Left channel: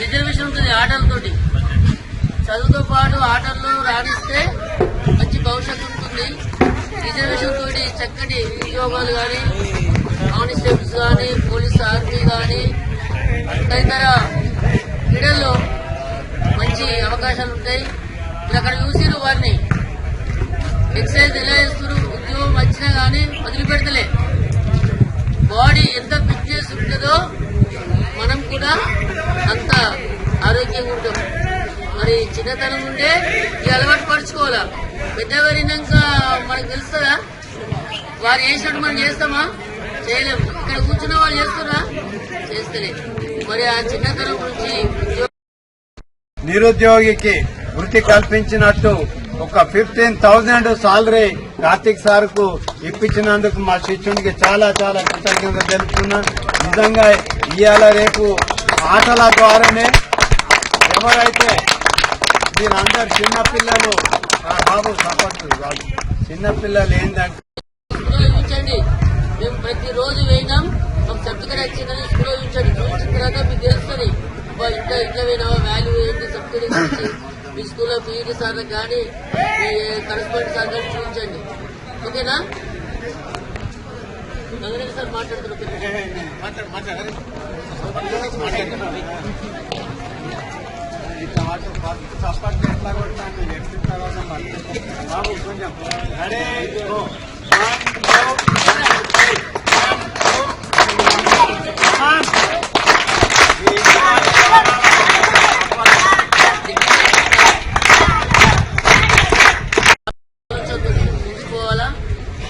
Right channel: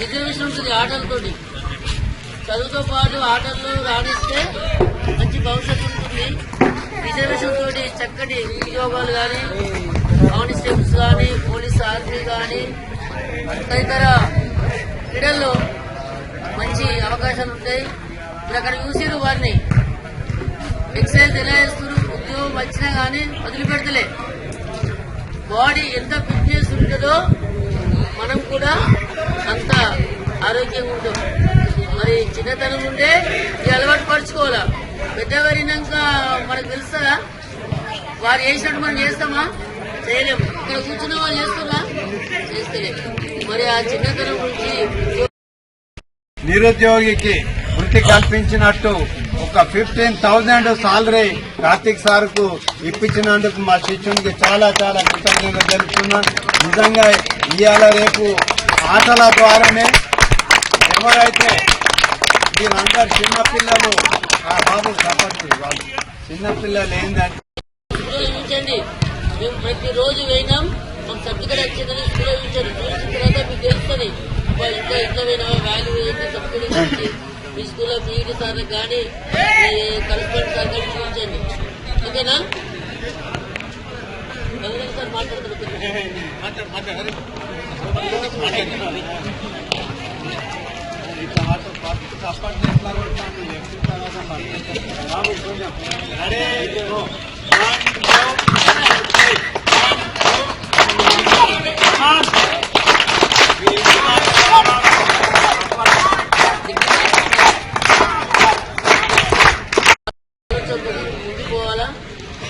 Reservation ఉంటుంది ఆటలతోటి. చదువుతో పాటు ఆటల్లో రాణిస్తే మంచి భవిష్యత్తు ఉంటుంది. రిజర్వేషన్ తోటి చక్కటి ఉద్యోగాలు కానీ కానిస్టేబుల్స్ కానీ పోలీస్ ఆర్మీ కానీ తదితర క్రీడల్లో మంచి అవకాశాలు ఉంటాయి. ఇప్పుడు అక్కడ చూసిరు వారిని. ఎక్సైజ్ ఎలా చేస్తున్నారు ఉద్యోగం వచ్చినా కానీ వదిలిపెడతలే. బాడీ ఎంత ఫిట్నెస్ ఉంటుందో మనం కూడా ఆరోగ్యంగా ఉంటాం. మరి చిన్నతనం ఉంటే ఈ అలవాటు పరుచుకోవాలా? పెద్దవారినాక మనకు తెలుస్తుందా? వారు చేసినట్టు మనం చేస్తామా? చేయలేము. ఇక్కడ కూర్చున్న వాళ్ళు చేస్తున్నా చేస్తలే. మరి ఆ చిన్నతనం నుంచి నిరుద్యోగికి వృత్తి కల్పించినట్టు ఒక ఫిఫ్టీన్ థౌజండ్ సాలరీ కార్తీక్ సార్కు ఇప్పించినందుకు మా శిష్యునికి చాలా చాలా కృతజ్ఞత తెలుపుతున్నా. నిజంగా ఇవాళ రేపు ఆటల ద్వారానే ఎవరైతే మీరందరు చిన్నపిల్లలు ఆ బాబు సపోర్ట్ చిన్నపిల్లలు ఏంటంటే చూపించండి మేము ప్రతిరోజు వేయినాం. మాకు సర్టిఫికేట్ వచ్చిందని స్కూల్లో చూపించండి చూపించిన తర్వాత మీకు తెలుస్తుంది. ఇంకా ఇట్లా పోయినావా వాల్యూ ఏంటి? సర్టిఫికేట్ ఇచ్చి మీ స్కూల్లో పీఈటీ సార్ కానీ మీ కరెస్పాండెంట్ సార్ కానీ చూపించండి ఓకేనా? సార్ మాట్లాడుతున్నారు. సపోర్ట్ ఎట్లా కొట్టాను నెక్స్ట్ తర్వాత బాబు కొంచెం అరే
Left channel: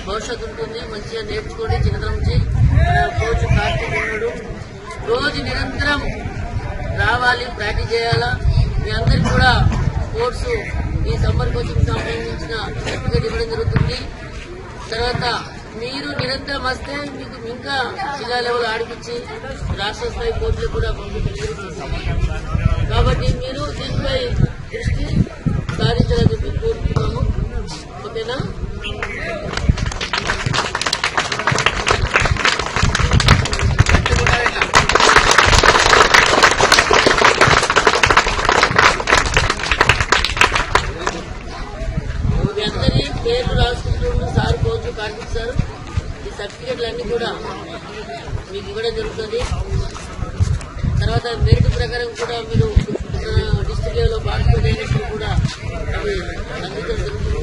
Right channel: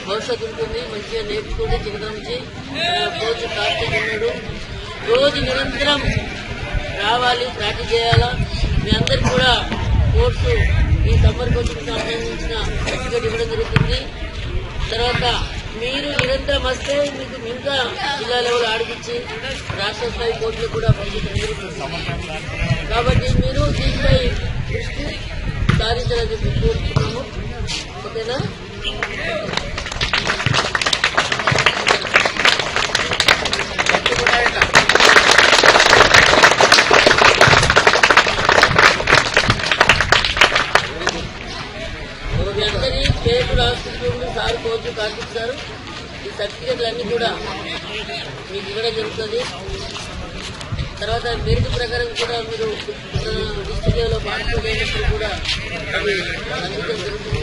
భవిష్యత్తు ఉంటుంది మంచిగా నేర్చుకోండి చిన్నతనం నుంచి. కోచ్ కార్తీక్ ఉన్నాడు. రోజు నిరంతరం రావాలి ప్రాక్టీస్ చేయాలా? మీ అందరికి కూడా కోర్సు ఈ సమ్మర్ కోచింగ్ సంబంధించిన సర్టిఫికేట్ ఇవ్వడం జరుగుతుంది. తర్వాత మీరు నిరంతరం వస్తే మీకు ఇంకా జిల్లా లెవెల్ ఆడిపించి రాష్ట్ర స్థాయి కోర్టులు కూడా పంపించడం జరుగుతుంది కాబట్టి మీరు దీనిపై దృష్టి సారించాలని చెప్పి కోరుతున్నాము ఓకేనా? పేరు రాసుకుంటూ సార్ కోచ్ కార్తీక్ సార్ ఈ సర్టిఫికెట్లు అన్నీ కూడా మీకు ఇవ్వడం జరుగుతుంది తర్వాత మెరిట్ ప్రకారం కూడా మీరు డిస్ట్రిక్ట్ లెవెల్లో పార్టిసిపేట్ అయినప్పుడు కూడా అవి అందించడం జరుగుతుంది